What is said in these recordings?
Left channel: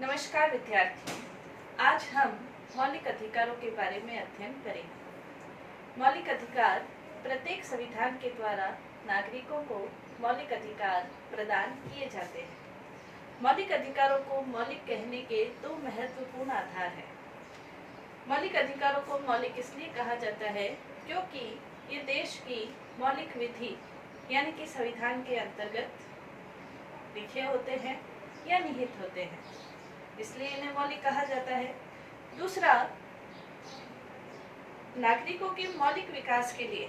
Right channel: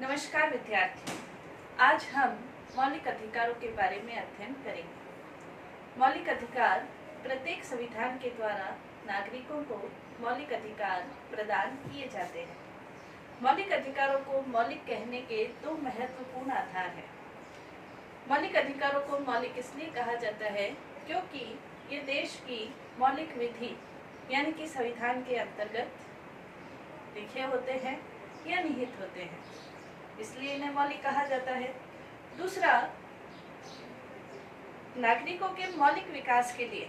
नमस्कार विद्यार्थी, आज हम मौलिक अधिकारों के बारे में अध्ययन करेंगे। मौलिक अधिकार प्रत्येक संविधान के द्वारा नागरिकों को मौलिक अधिकार प्रदान किए जाते हैं। मौलिक अधिकारों को मौलिक कहने के दो महत्वपूर्ण आधार हैं। मौलिक अधिकारों को मौलिक इसलिए कहा जाता है क्योंकि ये देश की मौलिक विधि यानी कि संविधान के अंतर्गत लिखे होते हैं या निहित होते हैं, इसलिए इन्हें मौलिक कहा जाता है। दूसरा, नागरिकों के मौलिक विकास के लिए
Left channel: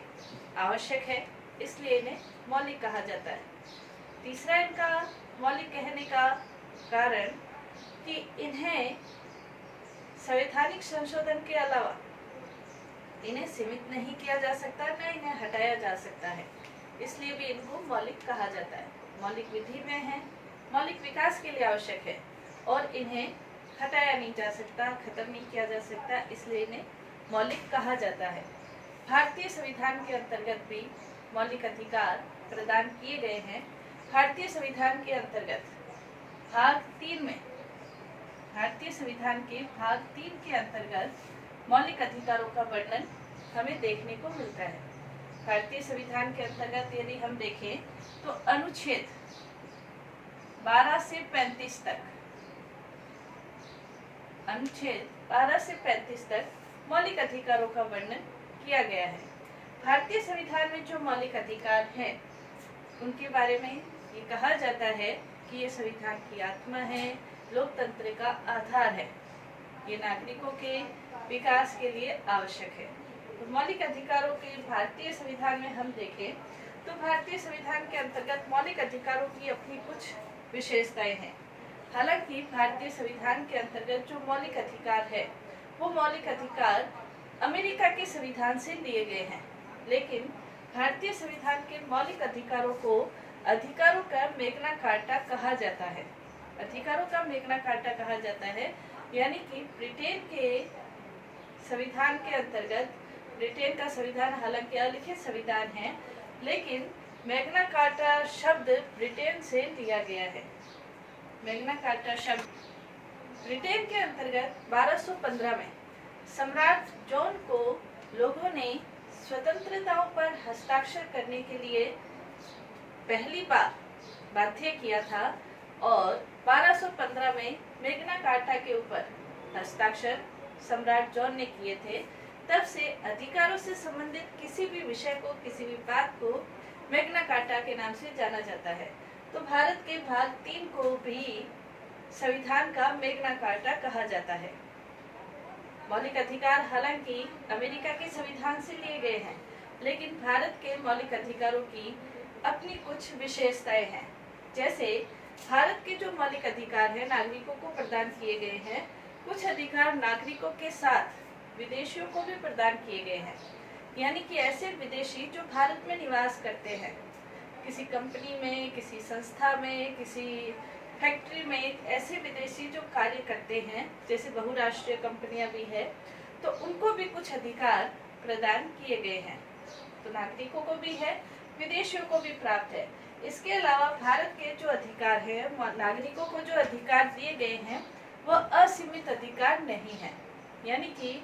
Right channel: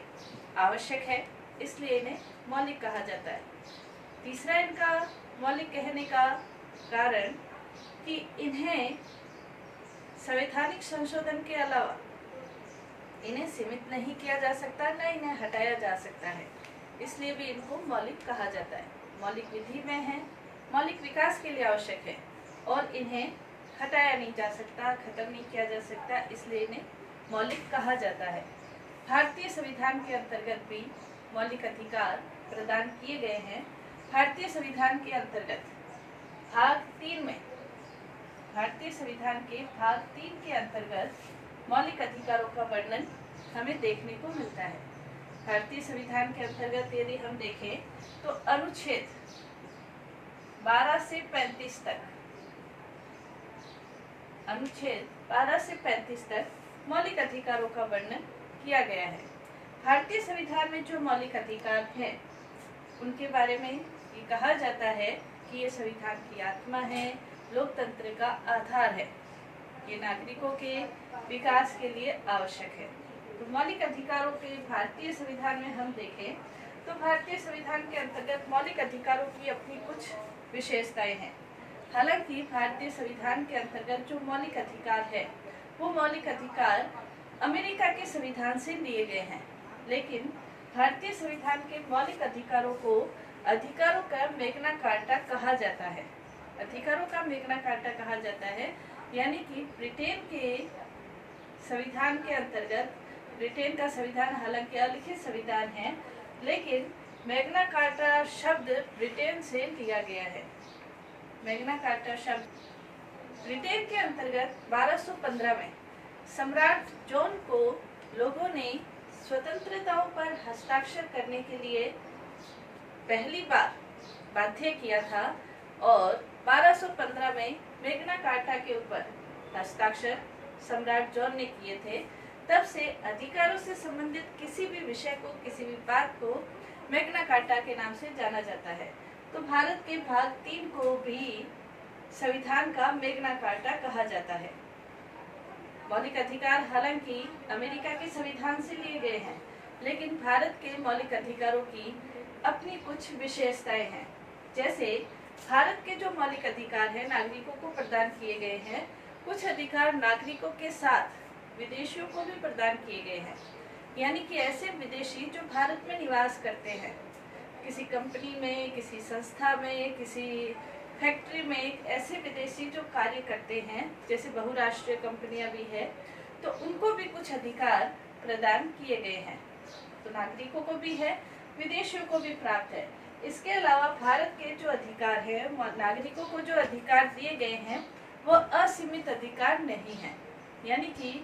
आवश्यक है, इसलिए इन्हें मौलिक कहा जाता है। तीसरा, इनका मौलिक कहने का कारण कि इन्हें संवैधानिक संशोधन के अलावा इन्हें सीमित नहीं किया जा सकता, न इन्हें हटाया जा सकता है, इसलिए भी इनको मौलिक कहा जाता है। मौलिक विधि में है, मौलिक विकास के लिए आवश्यक है और इन्हें हटाया नहीं जा सकता, खत्म नहीं किया जा सकता, इसलिए इन्हें मौलिक कहा जाता है। भारतीय संविधान के अंतर्गत भी मौलिक अधिकार प्रदान किए गए हैं। भारतीय संविधान के अंतर्गत भाग 3 में, भारतीय संविधान के भाग 3 के अंतर्गत मौलिक अधिकारों का वर्णन हमें देखने को मिलता है। भारतीय संविधान के अंतर्गत यदि हम देखें तो अनुच्छेद 12 से 35 तक, अनुच्छेद 12 से 35 तक मौलिक अधिकारों का वर्णन किया गया है। भारतीय संविधान में जो मौलिक अधिकार हैं उनके बारे में ये कहा जाता है कि ये संविधान की आत्मा है, लोकतंत्र का आधार है, ये नागरिकों के विकास के लिए आवश्यक है। तो मौलिक अधिकारों के भारतीय संविधान में हम देखें तो भारतीय संविधान के अंतर्गत मौलिक अधिकारों की अपनी कुछ विशेषताएं हैं। हालांकि भारतीय संविधान के अंतर्गत जो मौलिक अधिकार है वो मौलिक अधिकार अमेरिका के संविधान से लिए गए हैं, लेकिन भारतीय संविधान के मौलिक अधिकारों को अधिकारों का मैग्ना कार्टा कहा जाता है। अधिकारों का मैग्ना कार्टा कहा जाता है, यानी कि ब्रिटेन के संविधान के अंतर्गत, ब्रिटेन का संविधान हालांकि अलिखित संविधान है, लेकिन मैग्ना कार्टा शब्द ब्रिटेन से लिया गया है। मैग्ना कार्टा शब्द ब्रिटेन के अंतर्गत 1215 में सम्राट जॉन को लोगों ने स्वतंत्रताओं पर हस्ताक्षर करने के लिए पहली बार बाध्य किया था और 1215 में मैग्ना कार्टा के ऊपर हस्ताक्षर सम्राट जॉन ने किए थे। तब से अधिकारों से संबंधित किसी भी विषय को, किसी भी बात को मैग्ना कार्टा के नाम से जाना जाता है। तो भारत के भाग 3 को भी संविधान का मैग्ना कार्टा कहा जाता है। मौलिक अधिकार हालांकि अमेरिका के संविधान से लिए गए हैं, लेकिन भारत के मौलिक अधिकारों की अपनी कुछ विशेषताएं हैं। जैसे भारत के जो मौलिक अधिकार हैं नागरिकों को प्रदान किए गए हैं, कुछ अधिकार नागरिकों के साथ विदेशियों को भी प्रदान किए गए हैं, यानी कि ऐसे विदेशी जो भारत में निवास करते हैं, किसी कंपनी में, किसी संस्था में, किसी फैक्ट्री में, ऐसे विदेशी जो कार्य करते हैं, जैसे बहुराष्ट्रीय कंपनियां भी है, तो उनको भी कुछ अधिकार प्रदान किए गए हैं। तो नागरिकों को भी है, विदेशियों को भी प्राप्त है। इसके अलावा भारत के जो अधिकार है, नागरिकों को जो अधिकार दिए गए हैं वो असीमित अधिकार नहीं है, यानी कि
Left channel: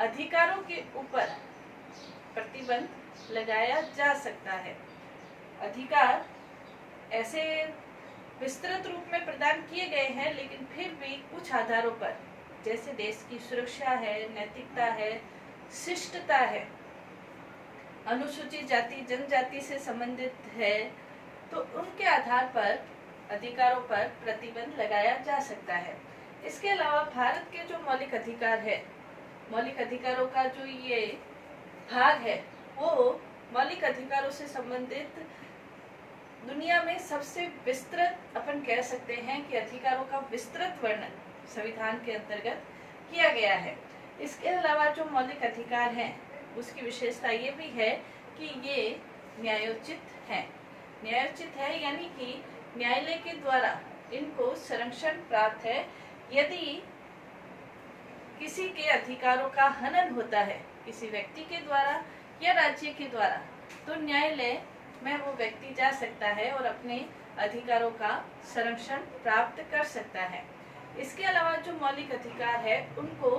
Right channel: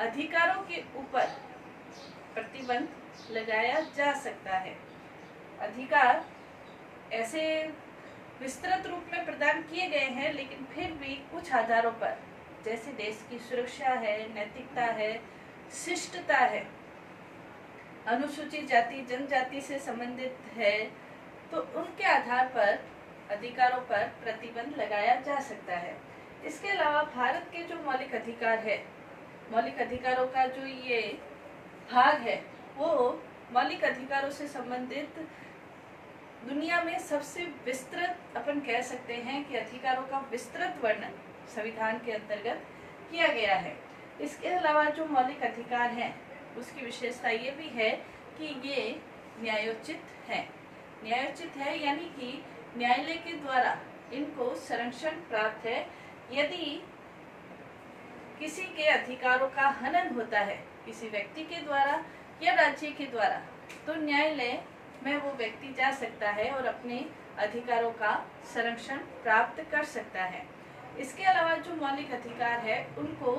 अधिकारों के ऊपर प्रतिबंध लगाया जा सकता है। अधिकार ऐसे विस्तृत रूप में प्रदान किए गए हैं, लेकिन फिर भी कुछ आधारों पर, जैसे देश की सुरक्षा है, नैतिकता है, शिष्टता है, अनुसूचित जाति जनजाति से संबंधित है, तो उनके आधार पर अधिकारों पर प्रतिबंध लगाया जा सकता है। इसके अलावा भारत के जो मौलिक अधिकार है, मौलिक अधिकारों का जो ये भाग है, वो मौलिक अधिकारों से संबंधित दुनिया में सबसे विस्तृत, अपन कह सकते हैं कि अधिकारों का विस्तृत वर्णन संविधान के अंतर्गत किया गया है। इसके अलावा जो मौलिक अधिकार हैं उसकी विशेषता ये भी है कि ये न्यायोचित है। न्यायोचित है यानी कि न्यायालय के द्वारा इनको संरक्षण प्राप्त है। यदि किसी के अधिकारों का हनन होता है किसी व्यक्ति के द्वारा या राज्य के द्वारा, तो न्यायालय में वो व्यक्ति जा सकता है और अपने अधिकारों का संरक्षण प्राप्त कर सकता है। इसके अलावा जो मौलिक अधिकार है उनको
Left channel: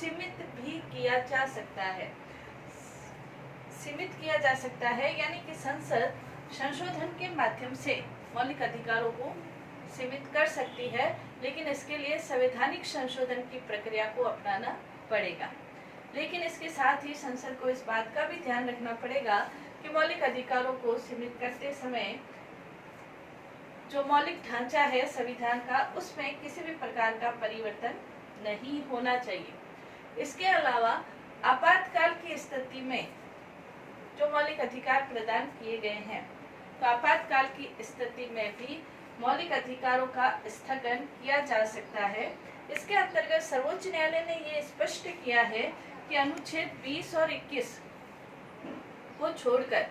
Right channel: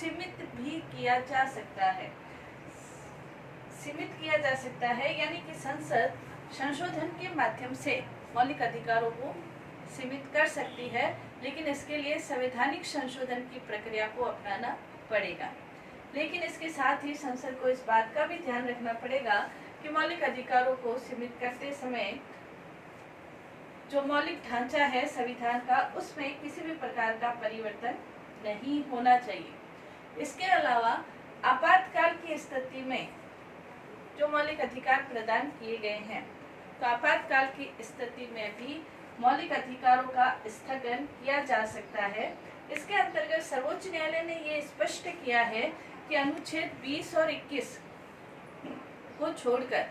सीमित भी किया जा सकता है, सीमित किया जा सकता है, यानी कि संसद संशोधन के माध्यम से मौलिक अधिकारों को सीमित कर सकती है, लेकिन इसके लिए संवैधानिक संशोधन की प्रक्रिया को अपनाना पड़ेगा। लेकिन इसके साथ ही संसद को इस बात का भी ध्यान रखना पड़ेगा कि मौलिक अधिकारों को सीमित करते समय जो मौलिक ढांचा है संविधान का, उसमें किसी भी प्रकार का परिवर्तन नहीं होना चाहिए। इसके अलावा आपातकाल की स्थिति में जो मौलिक अधिकार प्रदान किए गए हैं, तो आपातकाल की स्थिति में भी मौलिक अधिकारों का स्थगन किया जा सकता है। इसके अंतर्गत सर्वोच्च न्यायालय ने ये स्पष्ट किया है कि अनुच्छेद 20 और 21 को छोड़कर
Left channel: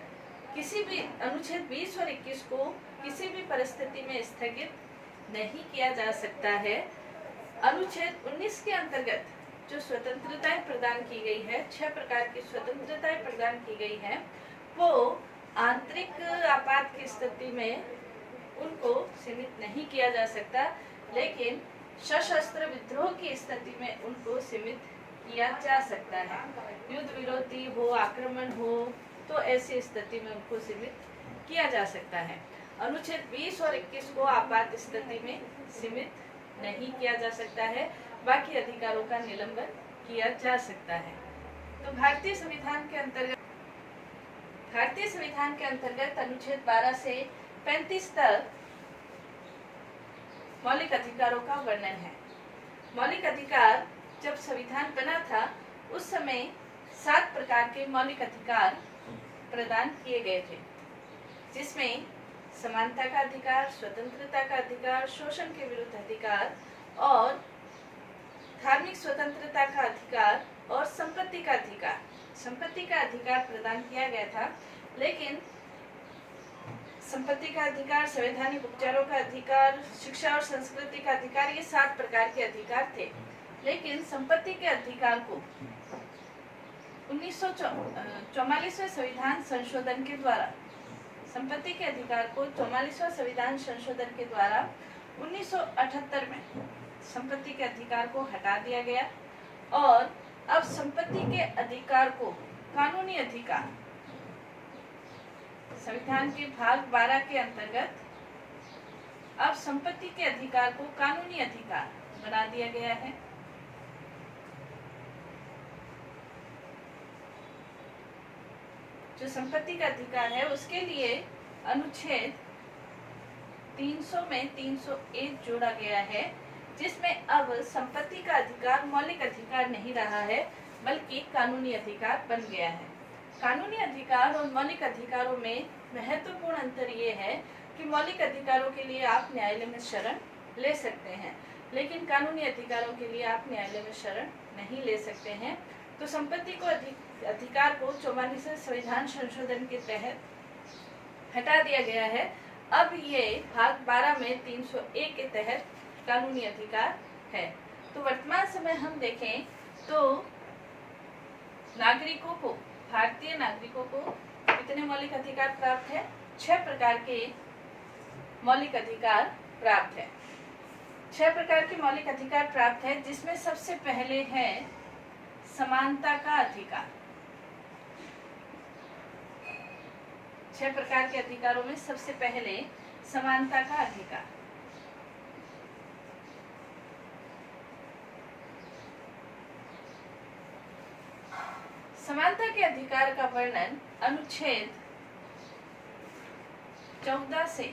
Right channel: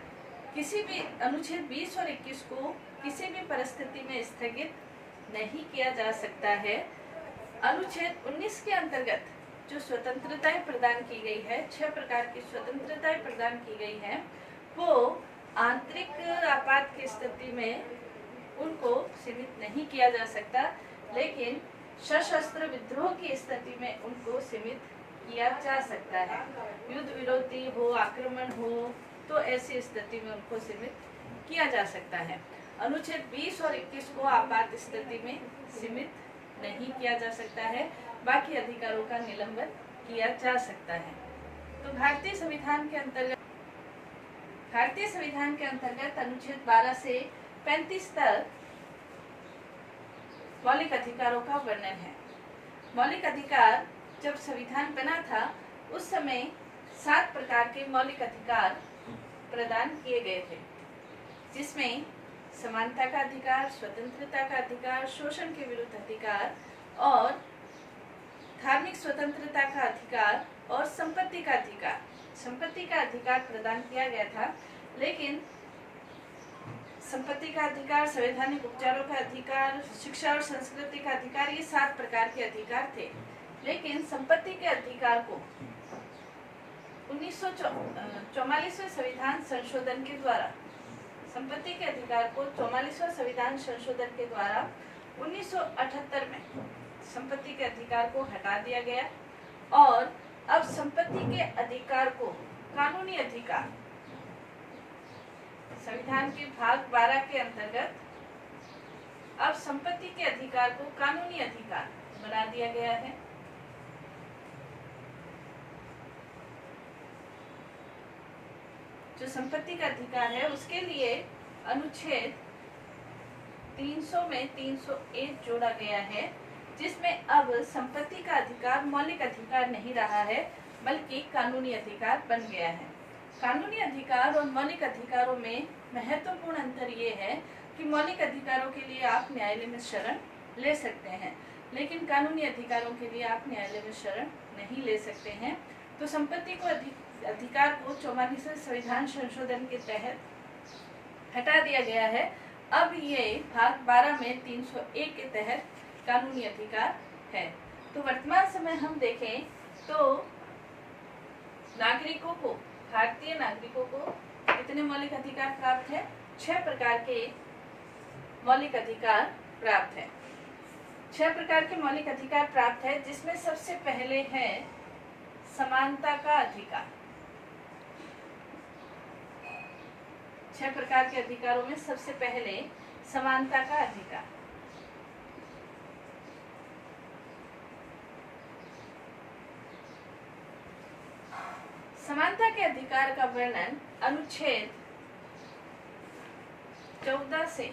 किसी भी अनुच्छेद 20 और 21 को किसी भी परिस्थिति में स्थगित नहीं किया जा सकता है। अनुच्छेद 19 के अंतर्गत जो स्वतंत्रताएं प्रदान की गई है, 6 प्रकार की स्वतंत्रताएं प्रदान की गई हैं, वो आंतरिक आपात की स्थिति में उनको सीमित नहीं किया जा सकता, लेकिन सशस्त्र विद्रोह की स्थिति में उनको सीमित किया जा सकता है। युद्ध विरोधी हो, आक्रमण हो, तो ऐसी स्थिति में उनको सीमित किया जा सकता है। अनुच्छेद 20 और 21 को आपात स्थिति में सीमित नहीं किया जा सकता है, बाकी अधिकारों का निलंबन किया जा सकता है। तो भारतीय संविधान के अंतर्गत अनुच्छेद 12 से 35 तक मौलिक अधिकारों का वर्णन है। मौलिक अधिकार जब संविधान बना था उस समय 7 प्रकार के मौलिक अधिकार प्रदान किए गए थे, जिसमें समानता का अधिकार, स्वतंत्रता का अधिकार, शोषण के विरुद्ध अधिकार और धार्मिक स्वतंत्रता का अधिकार और संपत्ति का अधिकार। संपत्ति का अधिकार प्रदान किया गया था, लेकिन संपत्ति का अधिकार, संवैधानिक उपचारों का अधिकार, शिक्षा और संस्कृति का अधिकार, ये 7 प्रकार के अधिकार थे। लेकिन संपत्ति के अधिकार को 1944वें संविधान संशोधन के द्वारा, संपत्ति के अधिकार को 44वें संविधान संशोधन के द्वारा 1978 में संपत्ति के अधिकार को हटा दिया गया और अब संपत्ति के अधिकार को कानूनी अधिकार संविधान के भाग 12 के अंतर्गत अब संपत्ति के अधिकार को कानूनी अधिकार बना दिया गया है। जो संपत्ति का अधिकार है उसके लिए अनुच्छेद 300 में 301 जोड़ा गया है, जिसमें अब संपत्ति का अधिकार मौलिक अधिकार नहीं रहा है बल्कि कानूनी अधिकार बन गया है। कानूनी अधिकार और मौलिक अधिकारों में महत्वपूर्ण अंतर ये है कि मौलिक अधिकारों के लिए आप न्यायालय में शरण ले सकते हैं, लेकिन कानूनी अधिकारों के लिए आप न्यायालय में शरण नहीं ले सकते हैं। तो संपत्ति को अधिकार को 44वें संविधान संशोधन के तहत हटा दिया गया है। अब ये भाग 12 में 301 के तहत कानूनी अधिकार है। तो वर्तमान समय हम देखें तो नागरिकों को, भारतीय नागरिकों को कितने मौलिक अधिकार प्राप्त है? 6 प्रकार के मौलिक अधिकार प्राप्त है। 6 प्रकार के मौलिक अधिकार प्राप्त है, जिसमें सबसे पहले है समानता का अधिकार। 6 प्रकार के अधिकारों में सबसे पहले समानता का अधिकार। समानता के अधिकार का वर्णन अनुच्छेद 14 से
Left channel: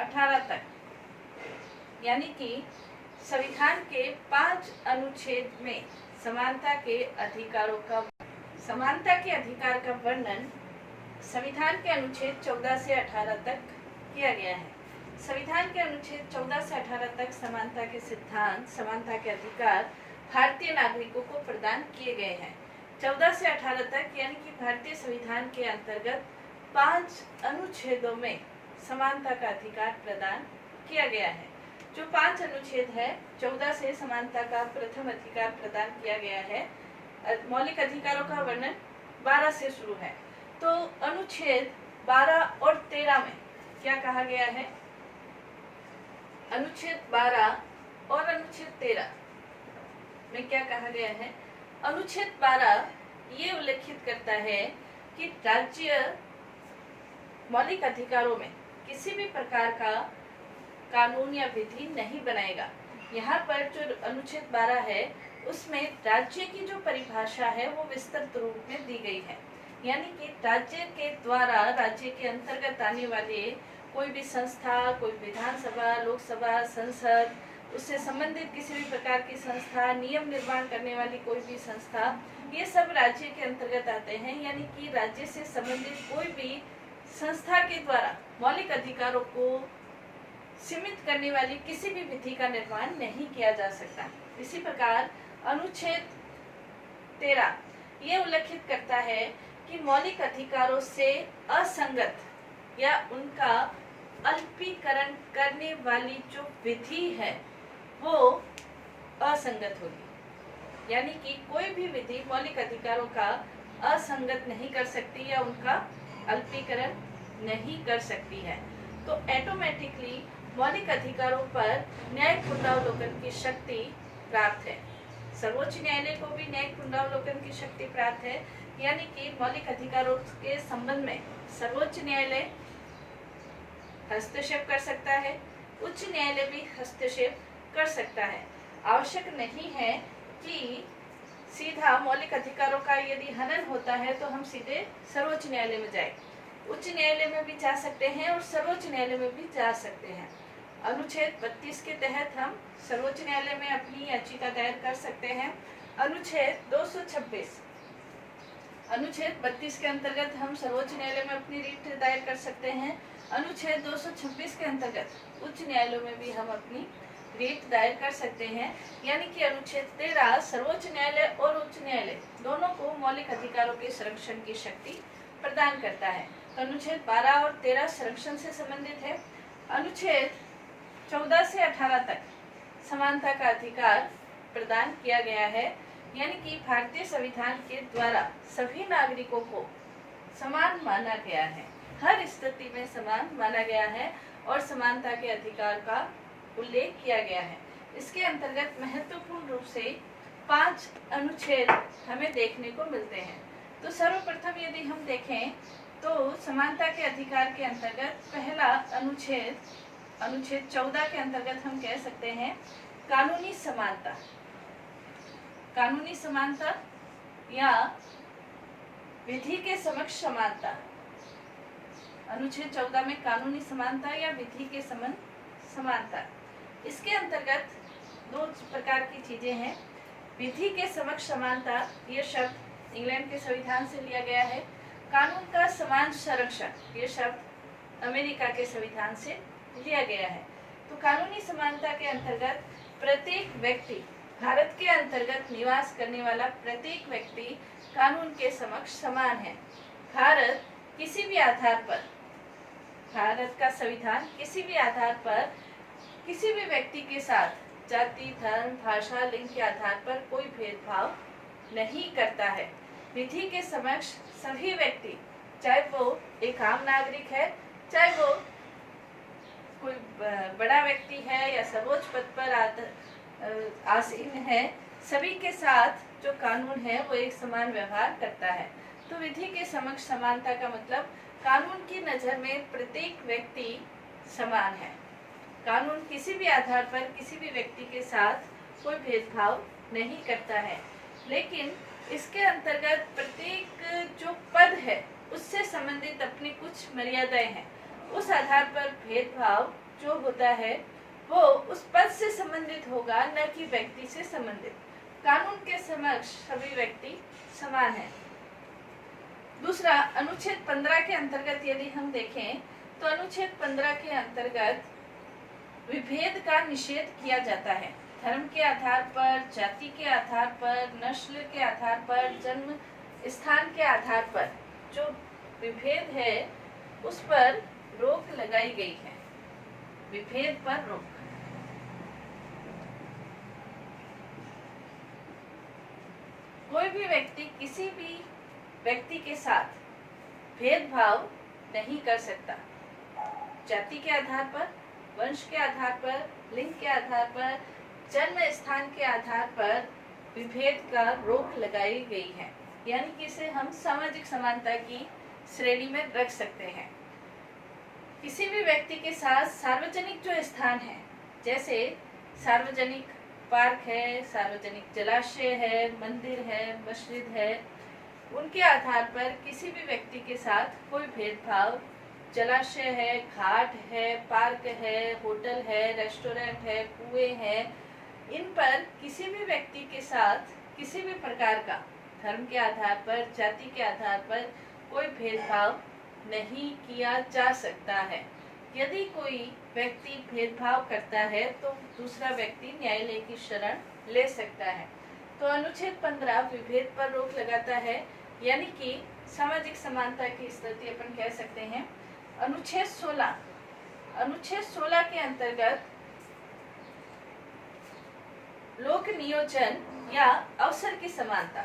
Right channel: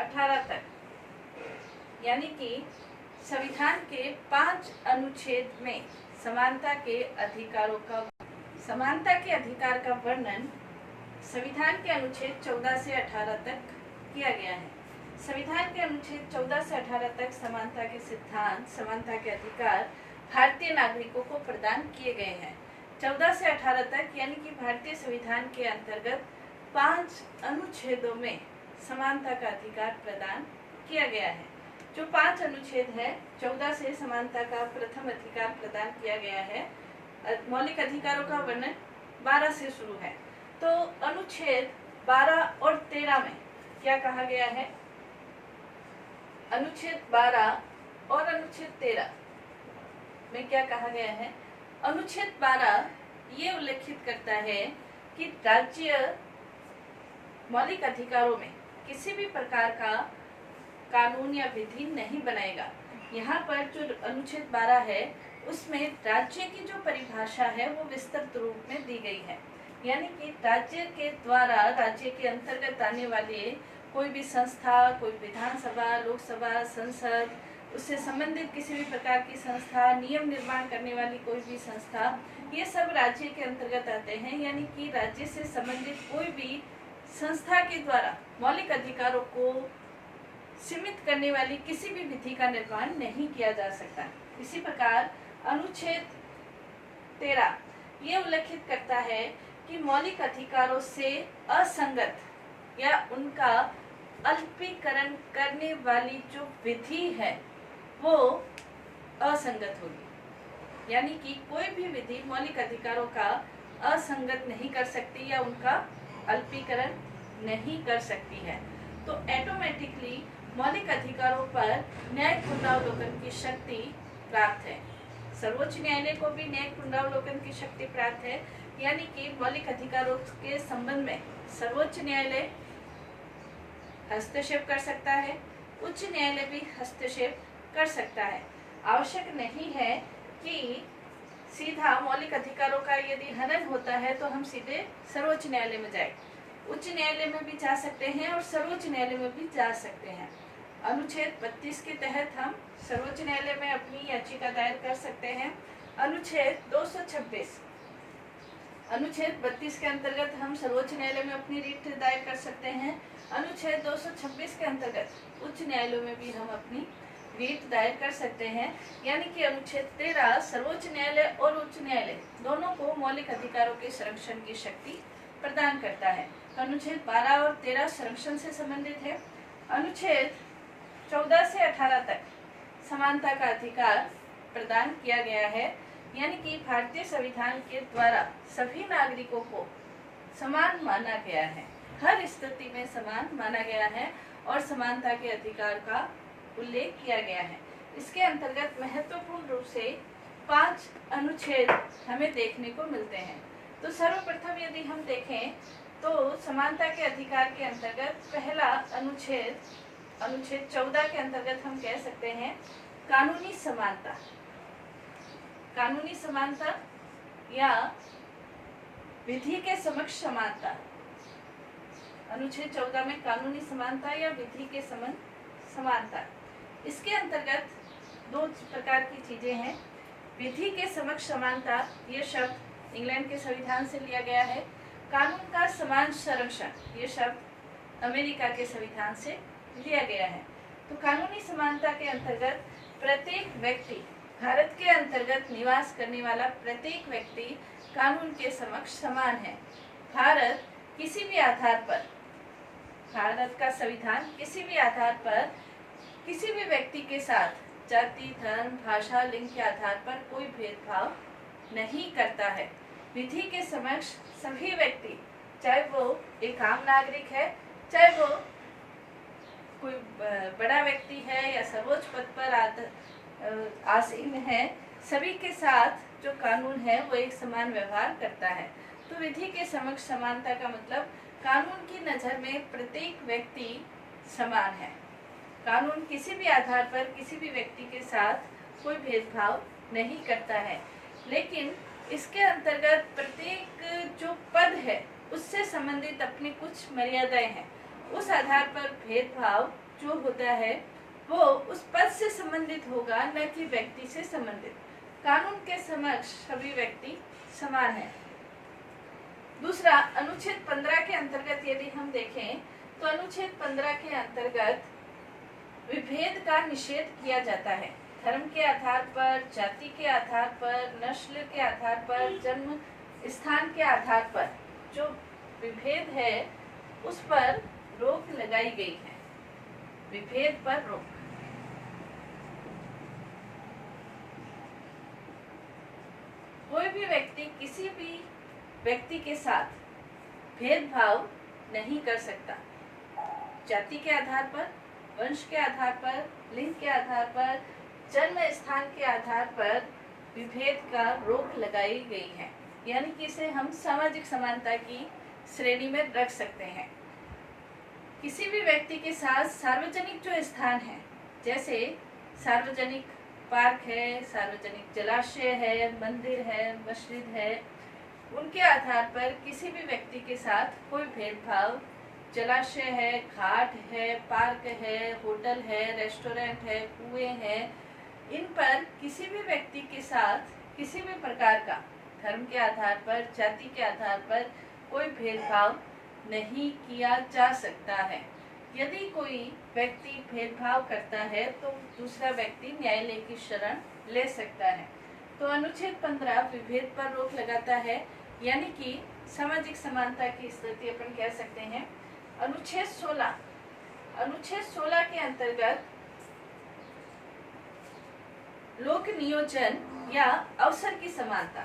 18 तक, यानी कि संविधान के 5 अनुच्छेद में समानता के अधिकारों का, समानता के अधिकार का वर्णन संविधान के अनुच्छेद 14 से 18 तक किया गया है। संविधान के अनुच्छेद 14 से 18 तक समानता के सिद्धांत, समानता के अधिकार भारतीय नागरिकों को प्रदान किए गए हैं। 14 से 18 तक यानी कि भारतीय संविधान के अंतर्गत 5 अनुच्छेदों में समानता का अधिकार प्रदान किया गया है। जो 5 अनुच्छेद है, 14 से समानता का प्रथम अधिकार प्रदान किया गया है। मौलिक अधिकारों का वर्णन 12 से शुरू है। तो अनुच्छेद 12 और 13 में क्या कहा गया है? अनुच्छेद 12 और अनुच्छेद 13 में क्या कहा गया है? अनुच्छेद 12 ये उल्लेखित करता है कि राज्य मौलिक अधिकारों में किसी भी प्रकार का कानून या विधि नहीं बनाएगा। यहाँ पर जो अनुच्छेद 12 है उसमें राज्य की जो परिभाषा है वो विस्तृत रूप में दी गई है, यानी कि राज्य के द्वारा राज्य के अंतर्गत आने वाले कोई भी संस्था, कोई विधानसभा, लोकसभा, संसद, उससे संबंधित किसी भी प्रकार की संस्था, नियम निर्माण करने वाली कोई भी संस्था, ये सब राज्य के अंतर्गत आते हैं। यानी कि राज्य से संबंधित कोई भी संस्था के द्वारा मौलिक अधिकारों को सीमित करने वाली किसी भी विधि का निर्माण नहीं किया जा सकता। इसी प्रकार अनुच्छेद 13 ये उल्लेखित करता है कि मौलिक अधिकारों से असंगत या उनका अल्पीकरण करने वाली जो विधि है वो असंगत होगी, यानी कि कोई भी विधि मौलिक अधिकारों का असंगत नहीं कर सकती या उनका अल्पीकरण नहीं कर सकती है। तो ऑटोमेटिकली मौलिक अधिकारों पर न्यायिक पुनरावलोकन की शक्ति प्राप्त है। सर्वोच्च न्यायालय को भी न्यायिक पुनरावलोकन की शक्ति प्राप्त है, यानी कि मौलिक अधिकारों के संबंध में सर्वोच्च न्यायालय हस्तक्षेप कर सकता है, उच्च न्यायालय भी हस्तक्षेप कर सकता है। आवश्यक नहीं है कि सीधा मौलिक अधिकारों का यदि हनन होता है तो हम सीधे सर्वोच्च न्यायालय में जाए। उच्च न्यायालय में भी जा सकते हैं और सर्वोच्च न्यायालय में भी जा सकते हैं। अनुच्छेद 32 के तहत हम सर्वोच्च न्यायालय में अपनी याचिका दायर कर सकते हैं। अनुच्छेद 226 अनुच्छेद 32 के अंतर्गत हम सर्वोच्च न्यायालय में अपनी रिट दायर कर सकते हैं। अनुच्छेद 226 के अंतर्गत उच्च न्यायालय में भी हम अपनी रिट दायर कर सकते हैं। यानी कि अनुच्छेद 13 सर्वोच्च न्यायालय और उच्च न्यायालय दोनों को मौलिक अधिकारों के संरक्षण की शक्ति प्रदान करता है। अनुच्छेद 12 और 13 संरक्षण से संबंधित है। अनुच्छेद 14 से 18 तक समानता का अधिकार प्रदान किया गया है, यानी कि भारतीय संविधान के द्वारा सभी नागरिकों को समान माना गया है, हर स्थिति में समान माना गया है और समानता के अधिकार का उल्लेख किया गया है। इसके अंतर्गत महत्वपूर्ण रूप से 5 अनुच्छेद हमें देखने को मिलते हैं। तो सर्वप्रथम यदि हम देखें तो समानता के अधिकार के अंतर्गत पहला अनुच्छेद 14 के अंतर्गत हम कह सकते हैं कानूनी समानता। कानूनी समानता या विधि के समक्ष समानता। अनुच्छेद 14 में कानूनी समानता या विधि के समानता। इसके अंतर्गत 2 प्रकार की चीजें हैं। विधि के समक्ष समानता ये शब्द इंग्लैंड के संविधान से लिया गया है। कानून का समान संरक्षण ये शब्द अमेरिका के संविधान से लिया गया है। तो कानूनी समानता के अंतर्गत प्रत्येक व्यक्ति, भारत के अंतर्गत निवास करने वाला प्रत्येक व्यक्ति कानून के समक्ष समान है। भारत किसी भी आधार पर, भारत का संविधान किसी भी आधार पर किसी भी व्यक्ति के साथ जाति, धर्म, भाषा, लिंग के आधार पर कोई भेदभाव नहीं करता है। विधि के समक्ष सभी व्यक्ति, चाहे वो एक आम नागरिक है, चाहे वो कोई बड़ा व्यक्ति है या सर्वोच्च पद पर आसीन है, सभी के साथ जो कानून है वो एक समान व्यवहार करता है। तो विधि के समक्ष समानता का मतलब कानून की नज़र में प्रत्येक व्यक्ति समान है। कानून किसी भी आधार पर किसी भी व्यक्ति के साथ कोई भेदभाव नहीं करता है, लेकिन इसके अंतर्गत प्रत्येक जो पद है उससे संबंधित अपनी कुछ मर्यादाएं हैं। उस आधार पर भेदभाव जो होता है वो उस पद से संबंधित होगा, न कि व्यक्ति से संबंधित। कानून के समक्ष सभी व्यक्ति समान है। दूसरा, अनुच्छेद 15 के अंतर्गत यदि हम देखें तो अनुच्छेद 15 के अंतर्गत विभेद का निषेध किया जाता है। धर्म के आधार पर, जाति के आधार पर, नस्ल के आधार पर, जन्म स्थान के आधार पर जो विभेद है उस पर रोक लगाई गई है। विभेद पर रोक। कोई भी व्यक्ति किसी भी व्यक्ति के साथ भेदभाव नहीं कर सकता। जाति के आधार पर, वंश के आधार पर, लिंग के आधार पर, जन्म स्थान के आधार पर विभेद का रोक लगाई गई है, यानी कि इसे हम सामाजिक समानता की श्रेणी में रख सकते हैं। किसी भी व्यक्ति के साथ सार्वजनिक जो स्थान है, जैसे सार्वजनिक पार्क है, सार्वजनिक जलाशय है, मंदिर है, मस्जिद है, उनके आधार पर किसी भी व्यक्ति के साथ कोई भेदभाव, जलाशय है, घाट है, पार्क है, होटल है, रेस्टोरेंट है, कुएं हैं, इन पर किसी भी व्यक्ति के साथ किसी भी प्रकार का धर्म के आधार पर, जाति के आधार पर कोई भेदभाव नहीं किया जा सकता है। यदि कोई व्यक्ति भेदभाव करता है तो दूसरा व्यक्ति न्यायालय की शरण ले सकता है। तो अनुच्छेद 15 विभेद पर रोक लगाता है, यानी कि सामाजिक समानता की स्थिति अपन कह सकते हैं। अनुच्छेद 16 के अंतर्गत लोक नियोजन या अवसर की समानता,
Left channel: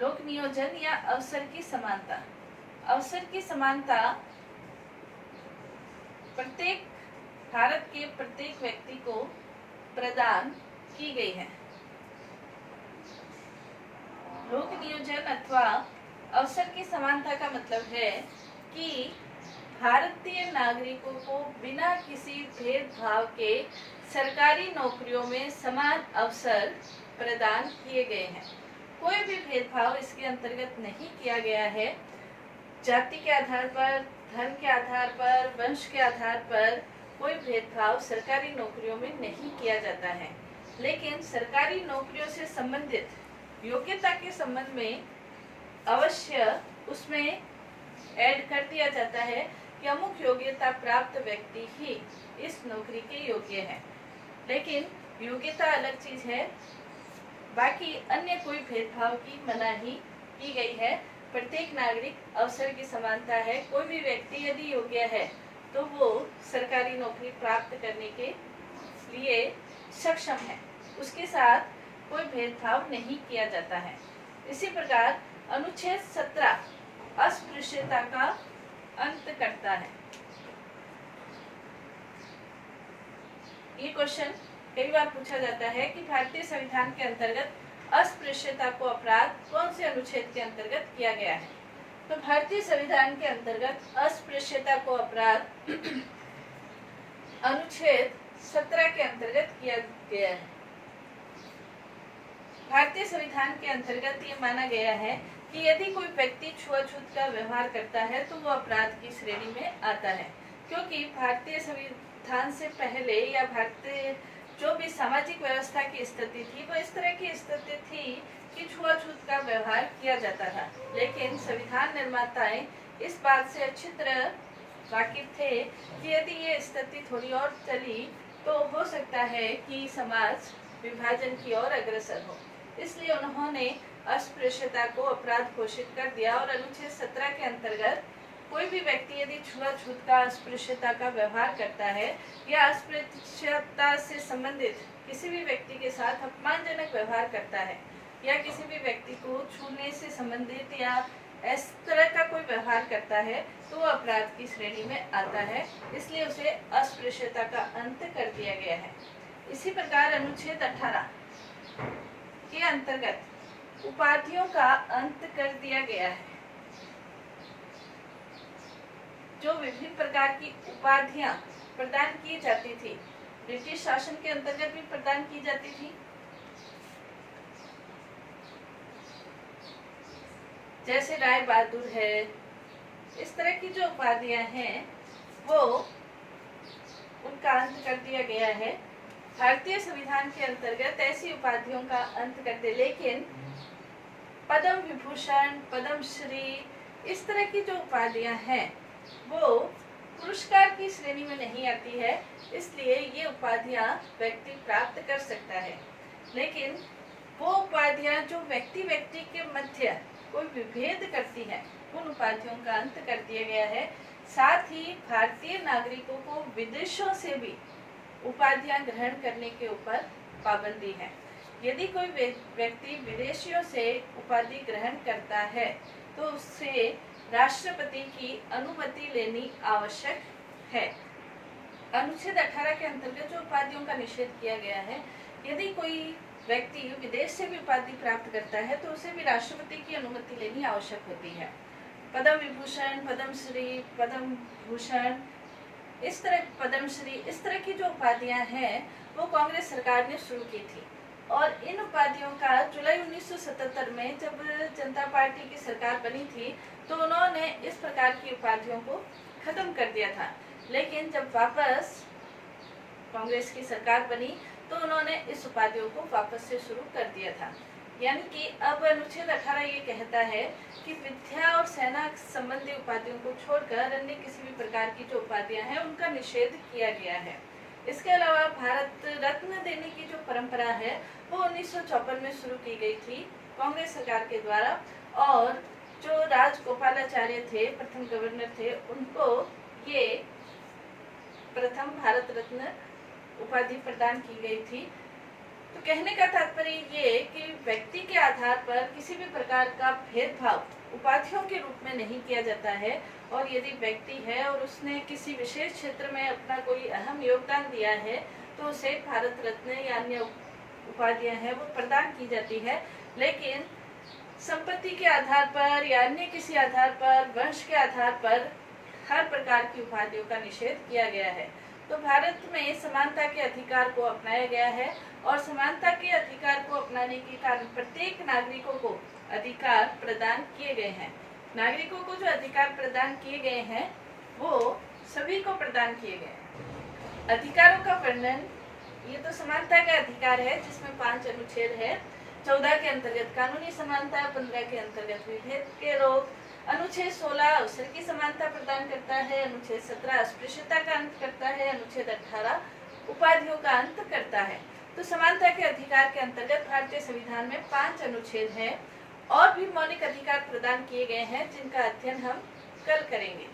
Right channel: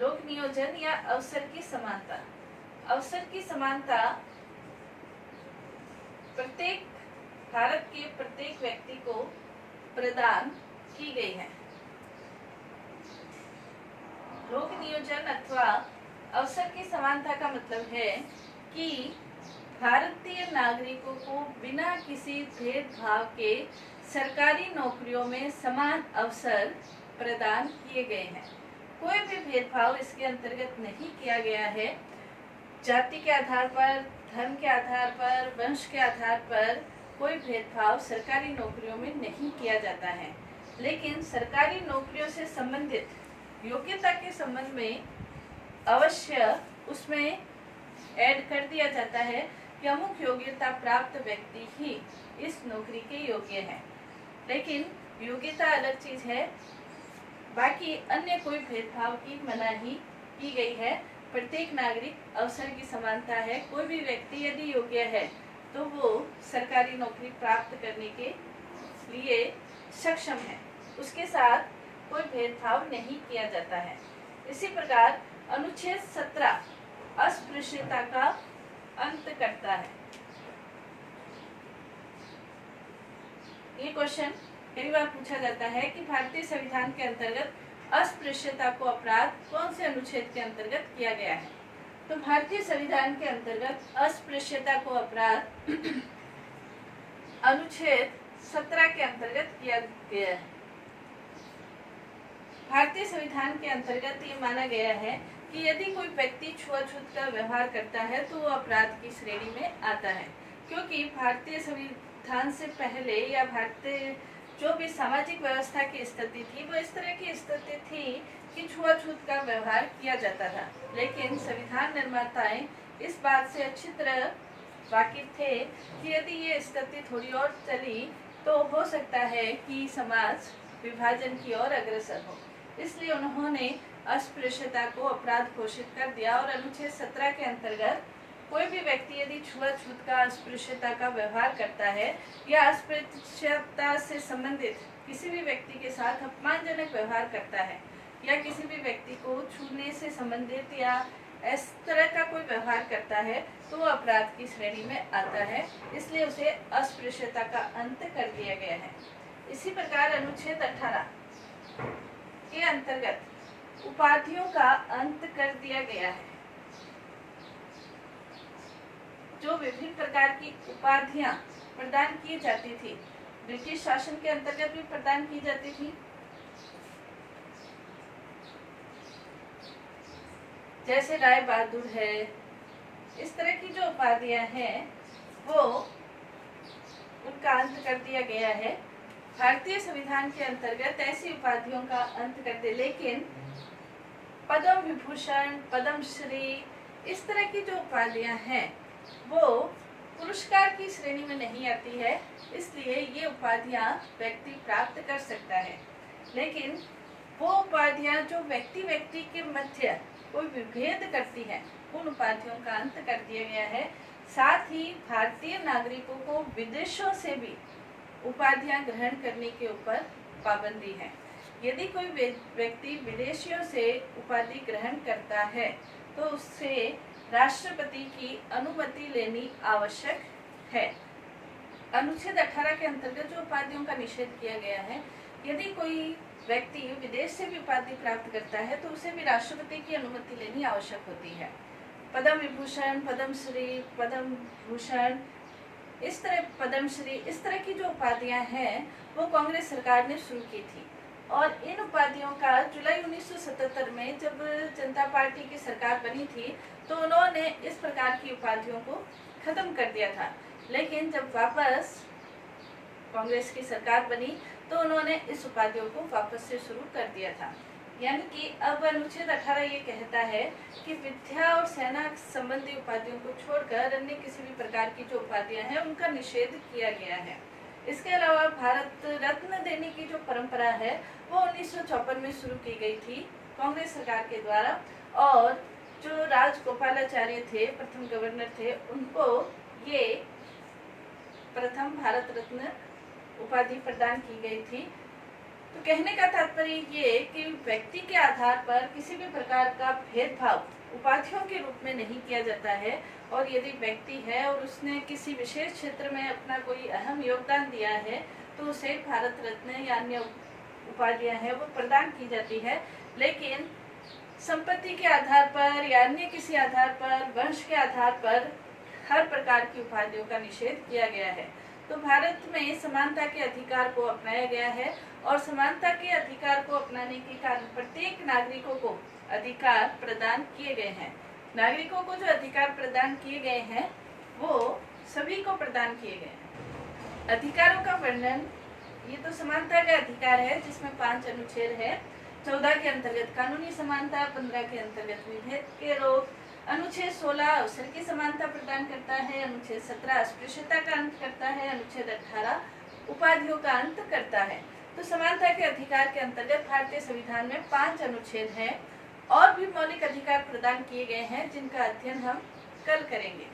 लोक नियोजन या अवसर की समानता, अवसर की समानता प्रत्येक भारत के प्रत्येक व्यक्ति को प्रदान की गई है। लोक नियोजन अथवा अवसर की समानता का मतलब है कि भारतीय नागरिकों को बिना किसी भेदभाव के सरकारी नौकरियों में समान अवसर प्रदान किए गए हैं। कोई भी भेदभाव इसके अंतर्गत नहीं किया गया है। जाति के आधार पर, धर्म के आधार पर, वंश के आधार पर कोई भेदभाव सरकारी नौकरियों में नहीं किया जाता है। लेकिन सरकारी नौकरियों से संबंधित योग्यता के संबंध में अवश्य उसमें ऐड कर दिया जाता है कि अमुक योग्यता प्राप्त व्यक्ति ही इस नौकरी के योग्य है। लेकिन योग्यता अलग चीज है, बाकी अन्य कोई भेदभाव की मनाही की गई है। प्रत्येक नागरिक अवसर की समानता है। कोई भी व्यक्ति यदि योग्य है तो वो सरकारी नौकरी प्राप्त करने के लिए सक्षम है, उसके साथ कोई भेदभाव नहीं किया जाता है। इसी प्रकार अनुच्छेद 17 अस्पृश्यता का अंत करता है। ये क्वेश्चन कई बार पूछा जाता है कि भारतीय संविधान के अंतर्गत अस्पृश्यता को अपराध कौन से अनुच्छेद के अंतर्गत किया गया है। तो भारतीय संविधान के अंतर्गत अस्पृश्यता को अपराध अनुच्छेद 17 के अंतर्गत किया गया है। भारतीय संविधान के अंतर्गत ये माना गया है कि यदि कोई व्यक्ति छुआछूत का व्यवहार करता है तो वो अपराध की श्रेणी में आता है, क्योंकि भारतीय संविधान से पहले या भारतीय जो भी सामाजिक व्यवस्था की स्थिति थी वो इस तरह की स्थिति थी कि छुआछूत का व्यवहार किया जाता था। लेकिन संविधान निर्माताएं इस बात से अच्छी तरह वाकिफ थे कि यदि ये स्थिति थोड़ी और चली तो हो सकता है कि समाज विभाजन की ओर अग्रसर हो। इसलिए उन्होंने अस्पृश्यता को अपराध घोषित कर दिया और अनुच्छेद 17 के अंतर्गत कोई भी व्यक्ति यदि छुआछूत का, अस्पृश्यता का व्यवहार करता है या अस्पृश्यता से संबंधित किसी भी व्यक्ति के साथ अपमानजनक व्यवहार करता है या किसी भी व्यक्ति को छूने से संबंधित या इस तरह का कोई व्यवहार करता है तो वो अपराध की श्रेणी में आता है। इसलिए उसे अस्पृश्यता का अंत कर दिया गया है। इसी प्रकार अनुच्छेद 18 के अंतर्गत उपाधियों का अंत कर दिया गया है। जो विभिन्न प्रकार की उपाधियां प्रदान की जाती थी, ब्रिटिश शासन के अंतर्गत भी प्रदान की जाती थी, जैसे राय बहादुर है, इस तरह की जो उपाधियां हैं वो उनका अंत कर दिया गया है। भारतीय संविधान के अंतर्गत ऐसी उपाधियों का अंत कर दे, लेकिन पद्म विभूषण, पद्मश्री, इस तरह की जो उपाधियां हैं वो पुरस्कार की श्रेणी में नहीं आती है। इसलिए ये उपाधियां व्यक्ति प्राप्त कर सकता है, लेकिन वो उपाधियां जो व्यक्ति व्यक्ति के मध्य कोई विभेद करती है उन उपाधियों का अंत कर दिया गया है। साथ ही भारतीय नागरिकों को विदेशों से भी उपाधियां ग्रहण करने के ऊपर पाबंदी है। यदि कोई व्यक्ति विदेशियों से उपाधि ग्रहण करता है तो उससे राष्ट्रपति की अनुमति लेनी आवश्यक है। अनुच्छेद 18 के अंतर्गत जो उपाधियों का निषेध किया गया है, यदि कोई व्यक्ति विदेश से भी उपाधि प्राप्त करता है तो उसे भी राष्ट्रपति की अनुमति लेनी आवश्यक होती है। पद्म विभूषण, पद्मश्री, पद्म भूषण, इस तरह की जो उपाधियां हैं वो कांग्रेस सरकार ने शुरू की थी। और इन उपाधियों का जुलाई 1977 में जब जनता पार्टी की सरकार बनी थी तो उन्होंने इस प्रकार की उपाधियों को खत्म कर दिया था। लेकिन जब वापस कांग्रेस की सरकार बनी तो उन्होंने इस उपाधियों को वापस से शुरू कर दिया था। यानी कि अब अनुच्छेद 18 ये कहता है कि विद्या और सेना संबंधी उपाधियों को छोड़कर अन्य किसी भी प्रकार की जो उपाधियां हैं उनका निषेध किया गया है। इसके अलावा भारत रत्न देने की जो परंपरा है वो 1954 में शुरू की गई थी कांग्रेस सरकार के द्वारा, और जो राजगोपालाचार्य थे, प्रथम गवर्नर थे, उनको ये प्रथम भारत रत्न उपाधि प्रदान की गई थी। तो कहने का तात्पर्य ये कि व्यक्ति के आधार पर किसी भी प्रकार का भेदभाव उपाधियों के रूप में नहीं किया जाता है, और यदि व्यक्ति है और उसने किसी विशेष क्षेत्र में अपना कोई अहम योगदान दिया है तो उसे भारत रत्न या अन्य उपाधियां हैं वो प्रदान की जाती है। लेकिन संपत्ति के आधार पर या अन्य किसी आधार पर, वंश के आधार पर हर प्रकार की उपाधियों का निषेध किया गया है। तो भारत में समानता के अधिकार को अपनाया गया है, और समानता के अधिकार को अपनाने के कारण प्रत्येक नागरिकों को अधिकार प्रदान किए गए हैं। नागरिकों को जो अधिकार प्रदान किए गए हैं वो सभी को प्रदान किए गए हैं। अधिकारों का वर्णन, ये तो समानता का अधिकार है जिसमें 5 अनुच्छेद है। 14 के अंतर्गत कानूनी समानता, 15 के अंतर्गत विभेद के रोक, अनुच्छेद 16 अवसर की समानता प्रदान करता है, अनुच्छेद 17 अस्पृश्यता का अंत करता है, अनुच्छेद 18 उपाधियों का अंत करता है। तो समानता के अधिकार के अंतर्गत भारतीय संविधान में 5 अनुच्छेद हैं और भी मौलिक अधिकार प्रदान किए गए हैं जिनका अध्ययन हम कल करेंगे।